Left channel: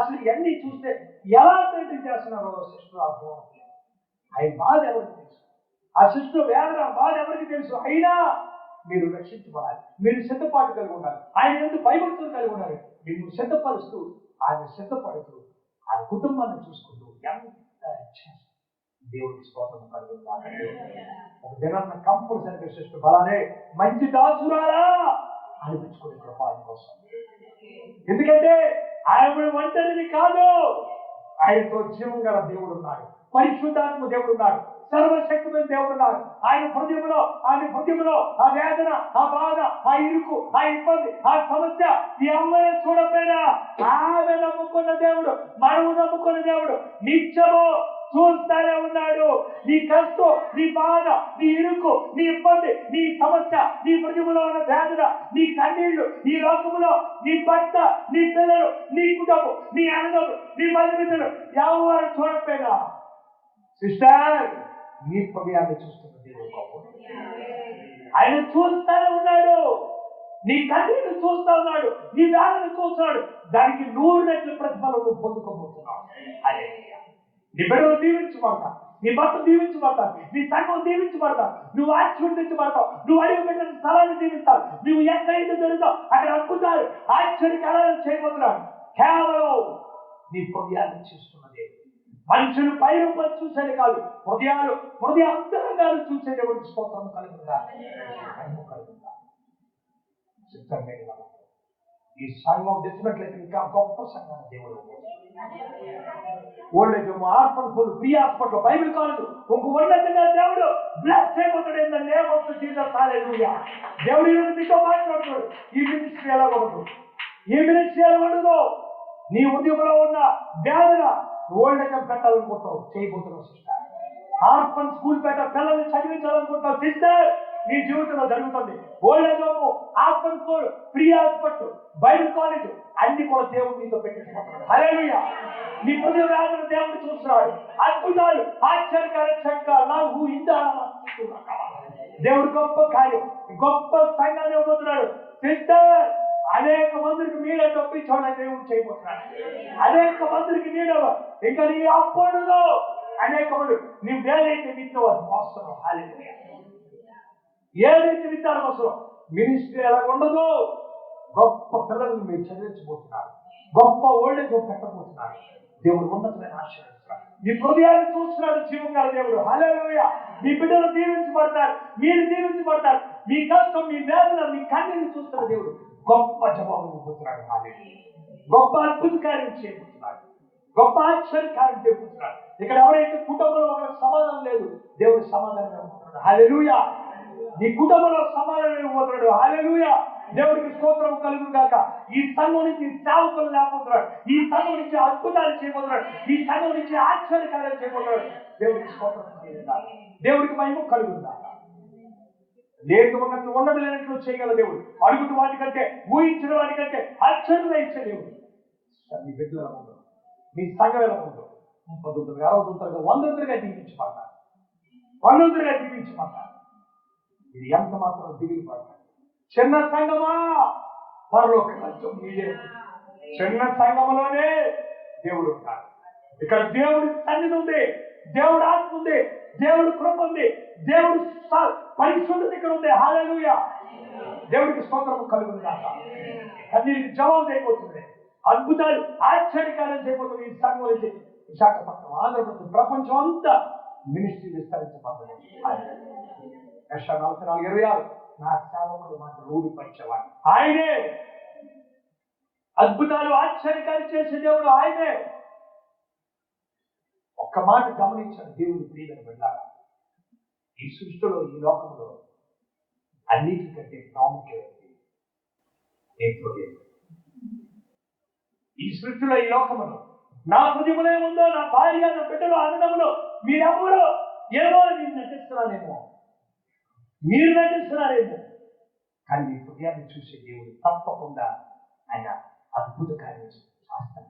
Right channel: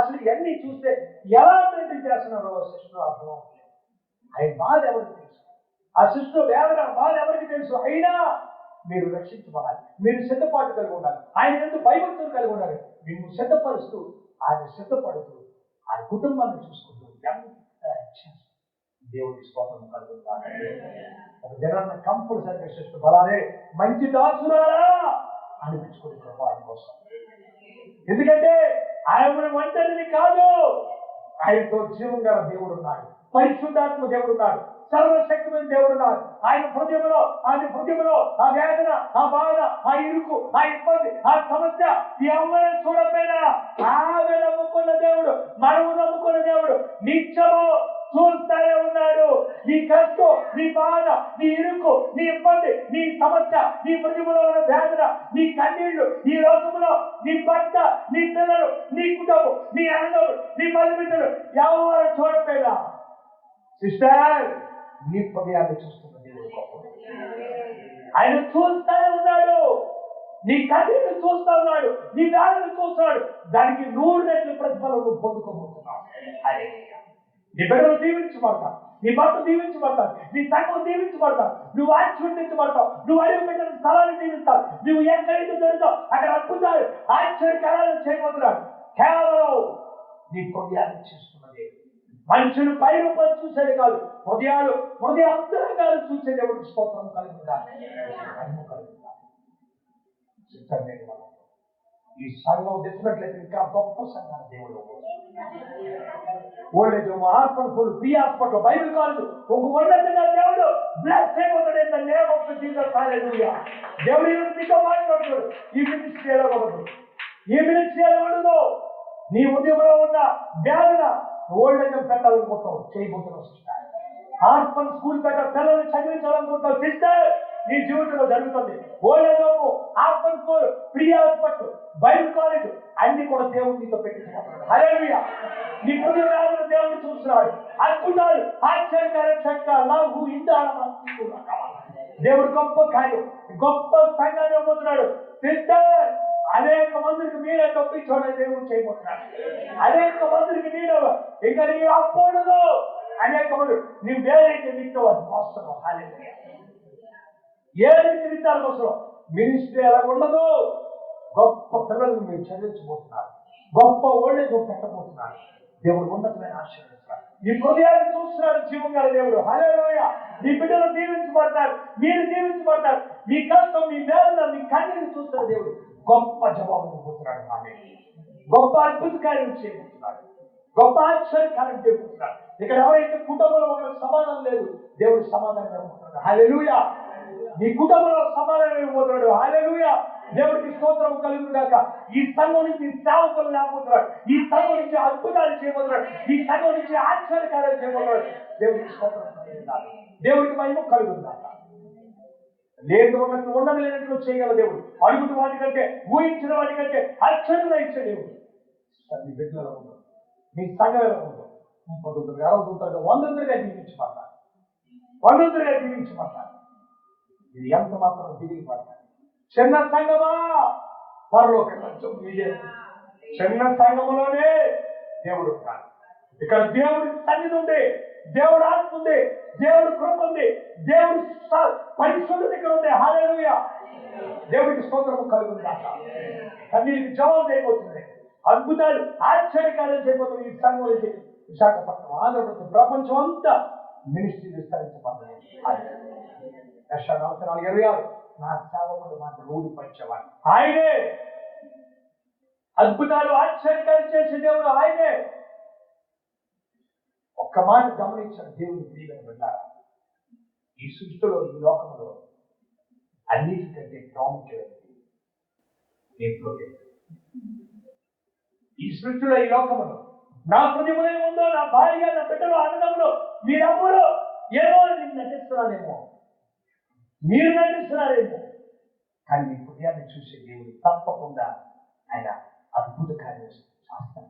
అసలు ఇవన్నీ చూస్తే ఎలా మెయింటైన్ చేస్తున్నారో సిస్టర్ అర్థం అవుతుంది. ఆయన బాధ ఎవరికి తెలుసు, ఆ సిస్టర్ వేదన బాధ ఎవరికి తెలుసు. అయినా మీరు రక్షించబడాలి, మీరు సిద్ధపాటు కలిగి ఉండాలి, ఆయన ఎందుకు భయభక్తులు కలిగి ఉండాలి. మీరు సిద్ధపరుస్తూ ఆయన సిద్ధపడుతూ ఆయన కుటుంబాన్ని చూసుకుంటూ ఎంత దేవుడి స్తోత్రం కలుగుతానండి. ఒక దినాన్న కంపల్సరిగా సిస్టర్ బలానే మంచి దాసురాలా అనిపించుకునే కృప ఆయన కోసం. ఎందుకంటే ఆయన ఒంటరిని కాదు, ఆయనతో జీవం గల దేవుడు ఉన్నాడు, పరిశుద్ధాత్మ దేవుడు ఉన్నాడు, సర్వశక్తిమైన దేవుడు ఉన్నాడు. ఆయన హృదయంలో ఆ వేదన, ఆ బాధ, ఆ ఇరుకు, ఆ ఇబ్బంది, ఆ సమస్య ఎవరు చూడకపోయినా ఆమె నమ్ముకున్న దేవుడు, మనము నమ్ముకున్న దేవుడు నిత్యము చూస్తానే ఉన్నాడు. నీ కష్టం, నీ బాధ, నీ ఇరుకు, నీ ఇబ్బంది, నీ సమస్య, నీ హృదయంలో ఉన్న వేదన, నీ కన్నీళ్లు, ఈ లోకములో నీ భర్త, నీ పిల్లలు, నీ కుటుంబం, నీ అన్నదమ్ములు, నీ బంధుమిత్రులు ఎవరు చూడకపోయినా సిస్టర్ నీ హృదయాన్ని చూస్తున్న దేవుడు గొప్ప. ఆయన చూస్తానే ఉన్నాడు, నీ కన్నీళ్లు చూస్తా ఉన్నాడు, నీ వేదన చూస్తున్నాడు. దానికి 100 రెట్ల ప్రతిఫలం నువ్వు పొందుకోబోతున్నావు. అదే నీ బిడ్డలు దీవించబడతావు, నీ భర్త దీవించబడతావు, నీ సంఘం దీవించబడతావు, నువ్వు ఆశీర్వదించబడతావు, నువ్వు అడిగి పెట్టిన స్థలాన్ని దీవిస్తావు, నువ్వు ఎక్కడైతే దొరుకుతావు అక్కడ అద్భుతాలు ఆశ్చర్యకరాలు చేయబోతున్నాడు. కేవలం నీ హృదయాన్ని చూస్తున్నది. మనుషులు పై రూపాయలు చూసేది కాదు, హృదయ అంతరంగాలు చూసే దేవుడికి స్తోత్రం కలుగుతుందా. ఈ సంఘం తెచ్చినట్లయితే ఇంకా గొప్ప సంఘాన్ని దేవుడు. Old age home, orphan school, free hospital, Bible college ఒక ఉన్నతంగా దేవుడు బ్లెస్ అయిపోతాడు. In the name of Jesus. Hallelujah. దేవుడు ఈరోజు మీతో మాట్లాడుతాడు. ఈ మినిస్ట్రీ ఎలా ఉండదు, ఈ మినిస్ట్రీ ఎలా ఉండదు. నీ ఉద్యోగంలో ఉన్న వేదన ఓల్డేజ్ హోమ్ పెట్టాలనుకుంటావు, చేయబోతున్నావు సిస్టర్. ఆర్ఫన్ స్కూల్ పిల్లల్ని చదివించాలనుకుంటావు సిస్టర్, నీ జీవితంలో జరుగుతుంది. Old age home, orphan school, free hospital, Bible college అన్ని కూడా దేవుడు నీతో పెట్టించుకుంటున్నాడు. హల్లెలూయా. నీ హృదయ వేదన దేవుడు చూస్తున్నాడు. అద్భుతాలు ఆశ్చర్యకర నాకు దేవుడు గొప్ప కార్యం, గొప్ప సంఘాన్ని ఇవ్వబోతున్నాడు సిస్టర్. అనేక మందికి మీరే తప్పించోడని దేవుడు చేయబోతున్నాడు. అనేక మందికి నీడ ఇంకా నీ అప్పుడు అనేక మంది నువ్వు ఏదైతే విత్తో అది మోస్తున్నావు. హల్లెలూయా. ఏదైతే విత్తారు మోస్తున్నావు. మినిస్ట్రీ ఎలా ఉండదు. గొప్ప పిల్లలను మీరు చదివించబోతున్నారు, గొప్ప ఓల్డేజ్ పెట్టబోతున్నారు. దేవుడు ఉన్నతమైన ఆశీర్వదిస్తున్నాడు. నీ హృదయాన్ని చూస్తున్నాడు జీవం గల దేవుడు. హల్లెలూయా. మీ బిడ్డలు దీవించబడతారు, మీరు దీవించబడతారు. మీ కష్టం, మీ వేదన, మీ కన్నీరు చూస్తున్న దేవుడు గొప్ప జవాబు ఇవ్వబోతున్నాడు. హల్లెలూయా. గొప్ప అద్భుత కార్యం చేయబోతున్నాడు, గొప్ప ఆశ్చర్య కార్యం చేయబోతున్నాడు. ఇక్కడ ఎవరైతే కుటుంబంలో ఒకరికి సమాధానం లేదు, దేవుడు సమాధానం ఇవ్వబోతున్నాడు. హల్లెలూయా. నీ కుటుంబంలో సమాధానం ఇవ్వబోతున్నాడు. హల్లెలూయా. దేవుడికి స్తోత్రం కలుగును గాక. ఈ సంఘం నుంచి సేవకులు లేకపోతున్నాడు, ఈ సంఘం నుంచి అద్భుతాలు చేయబోతున్నాడు, ఈ సంఘం నుంచి ఆశ్చర్యకార్యాలు చేయబోతున్నాడు. దేవుడికి స్తోత్రం కలుగుతాడు, దేవుడికి మహిమ కలుగుతాడు. లేదు ఉన్నది లేనట్లు చేయగల దేవుడు. అడుగుతున్న వాటికంటే, ఊహించిన వాటికంటే ఆశ్చర్యంగా ఇచ్చే దేవుడు. మీ బిడ్డలు ఎలా ఉండదు, మీ సంఘం ఎలా ఉండదు. 30 60 100గా దీవించబడతారు, 100గా దీవించబడతారు. ఇది ఎంత మాత్రం దిగిలి పడతారు. చిన్న సంఘమా, పరలోక రాజ్యం మీదే. చిన్న సంఘములోనే దేవుడు ఉంటాడు. ఇక్కడ దేవుడి సన్నిధి ఉంది, దేవుడు ఆత్మ ఉంది, దేవుడు కృప ఉంది, దేవుడు పరిశుద్ధత ఇక్కడ ఉంది. హల్లెలూయా. దేవుడికి స్తోత్రము కలుగును గాక. కన్నీరికి జవాబు చేయబోతుంది, అద్భుతాలు ఆశ్చర్యకార్యాలు చేయబోతుంది. ఈ సంఘం నుంచి విశాఖపట్నం, ఆంధ్రప్రదేశ్, ప్రపంచం అంతా మినిస్ట్రీ విస్తరించబడుతుంది. యెషయా 44:26 నా సేవకుడు మాత్రం రూఢిపరిచేవాడు ఆయనే. అద్భుతాలు ఆశ్చర్యకార్యం చేసే దేవుడు ఆయనే. ఒక్క మాట గమనించాడు దేవుని ప్రియమైన బిడ్డలారా. ఈ సృష్టిలో, ఈ లోకంలో అన్నిటికంటే ప్రాముఖ్యమైనది నీ హృదయం. ఈ సృష్టిలో, ఈ లోకములో నా హృదయంలో ఏముందో, నా భార్య, నా బిడ్డలు, అన్నదమ్ములు, మీరెవరు ఏమో నేను నటిస్తున్నానేమో, మీరు నటిస్తున్నారేమో, కానీ మీ హృదయాన్ని చూసే దేవుడు తప్పకుండా ఆయన అద్భుత కార్యం చేస్తాడు,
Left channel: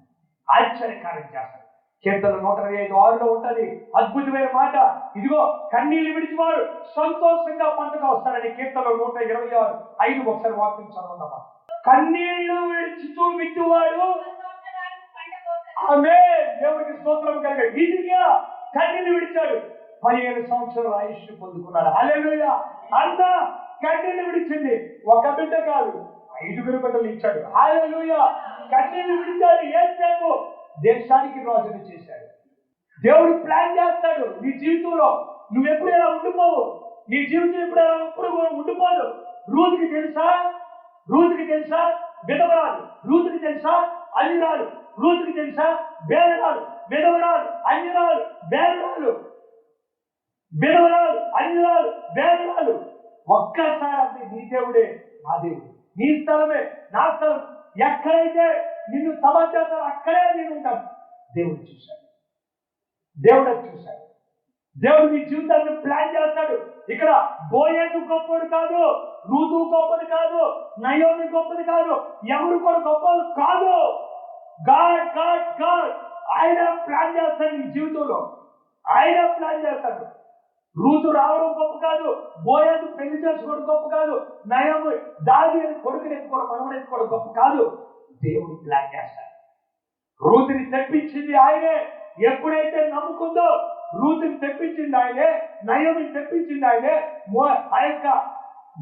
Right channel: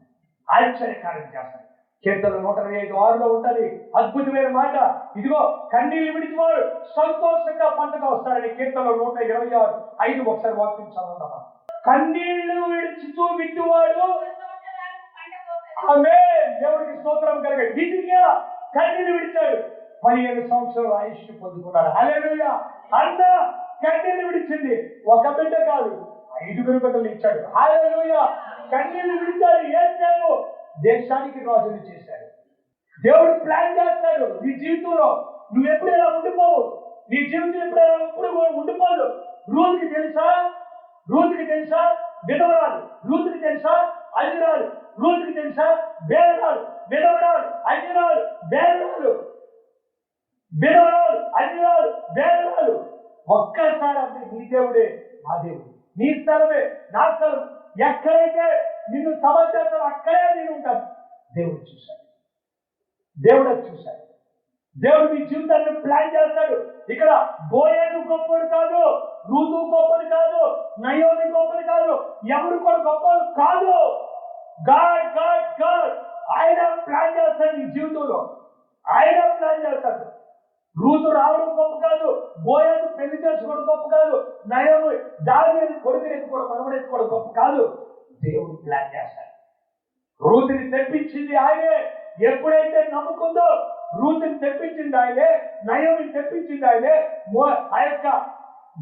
ఆశ్చర్యకార్యం చేస్తాడు. కీర్తన 125:6 ఉంటుంది అద్భుతమైన మాట. ఇదిగో కన్నీళ్లు విడిచివాడు సంతోషంగా పంటగా వస్తాడని. కీర్తనలో 126:5 ఒకసారి వాక్యం చదవండమ్మా. కన్నీళ్లు విడిచితూ విత్తువాడు ఆమె దేవుడికి స్తోత్రం కలిగాడు. హిజ్కియా కన్నీళ్లు విడిచాడు, 15 సంవత్సరాల ఆయుష్ పొందుకున్నాడు. హల్లెలూయా. అన్న కన్నీళ్లు విడిచింది, ఒక బిడ్డ కాదు 5 బిడ్డలు ఇచ్చాడు. హల్లెలూయా. కన్నీళ్లు విడిచాడు. యేసేపు దేశానికి రాజుని చేశాడు. దేవుడు ప్లాన్ చేస్తాడు నీ జీవితంలో. నువ్వు ఎప్పుడు ఎలా ఉండిపోవు, నీ జీవితం ఎప్పుడు ఉండిపోదు. రూతుకి తెలుసా? రూతుకి తెలుసా? విధవరాలు. రూతుకి తెలుసా? అన్యురాలు. రూతుకి తెలుసా? బేదరాలు. విధవరాలు, అన్యురాలు, బేదరాలు. విధవరాలు, అన్యురాలు, బేదరాలు. ఒక్కసారి అంటే నీ దేవుడే నా దేవుడు, నీ స్థలమే నా స్థలం. ఎక్కడైతే నిన్ను సమాచారం అక్కడే నేను ఉంటాను. దేవుడు చూశాడు, దేవుడు అది చూశాడు. దేవుడు నీ జీవితాన్ని ప్లాన్ చేస్తాడు. ఇక్కడ బోయేజు గొప్పది కాదు, రూతు గొప్పది కాదు, నయోమి గొప్పది కాదు, ఎవరు కూడా గొప్పది కాదు. గాడ్ గాడ్ గాడ్ ఆయన ప్లాన్ చేస్తాడు నీ జీవితంలో. ఆయన ప్లాన్ చేస్తాడు. రూతు రావడం గొప్ప కాదు, బోయేజు పెళ్లి చేసుకోవడం గొప్ప కాదు, నయోమి దావీదు కొడుకుని ఎత్తుకోవడం, మనవడు ఎత్తుకోవడం గొప్ప కాదు. దేవుడు ప్లాన్ చేస్తాడు. రూతుని తెప్పించింది ఆయనే. ఎప్పుడైతే నమ్ముకుందో రూతుని తెప్పించింది ఆయనే, నయోమిని తెప్పించింది ఆయనే, ఆ యొక్క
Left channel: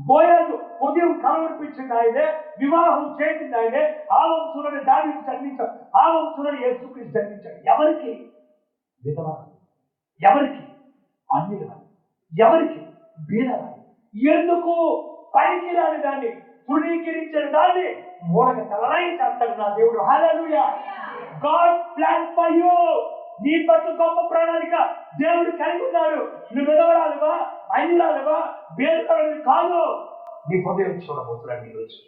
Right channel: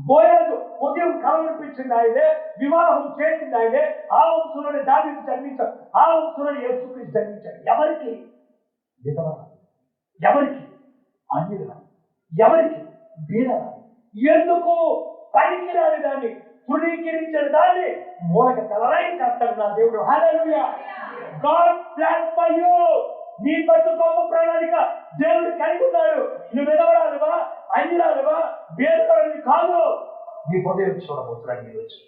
బోయేజు ఉదయం కలవరిపించింది ఆయనే, వివాహం చేసింది ఆయనే. ఆ వంశంలోనే దావీదు జన్మించాడు, ఆ వంశంలోనే యేసుక్రీస్తు జన్మించాడు. ఎవరికి? విధవరాలు. ఎవరికి? అన్యురాలు. ఎవరికి? బీదరాలు. ఎందుకు? పనికిరాని దాన్ని, తృణీకరించిన దాన్ని మూలక తలరాయి చేస్తాడు నా దేవుడు. Hallelujah. God plan for you. నీ పట్ల గొప్ప ప్రణాళిక దేవుడు కలిగి ఉన్నాడు. నువ్వు విధవరాలువా, అన్యురాలువా, బేదరాలు కాదు. నీ హృదయం చూడబోతున్నాడు ఈరోజు.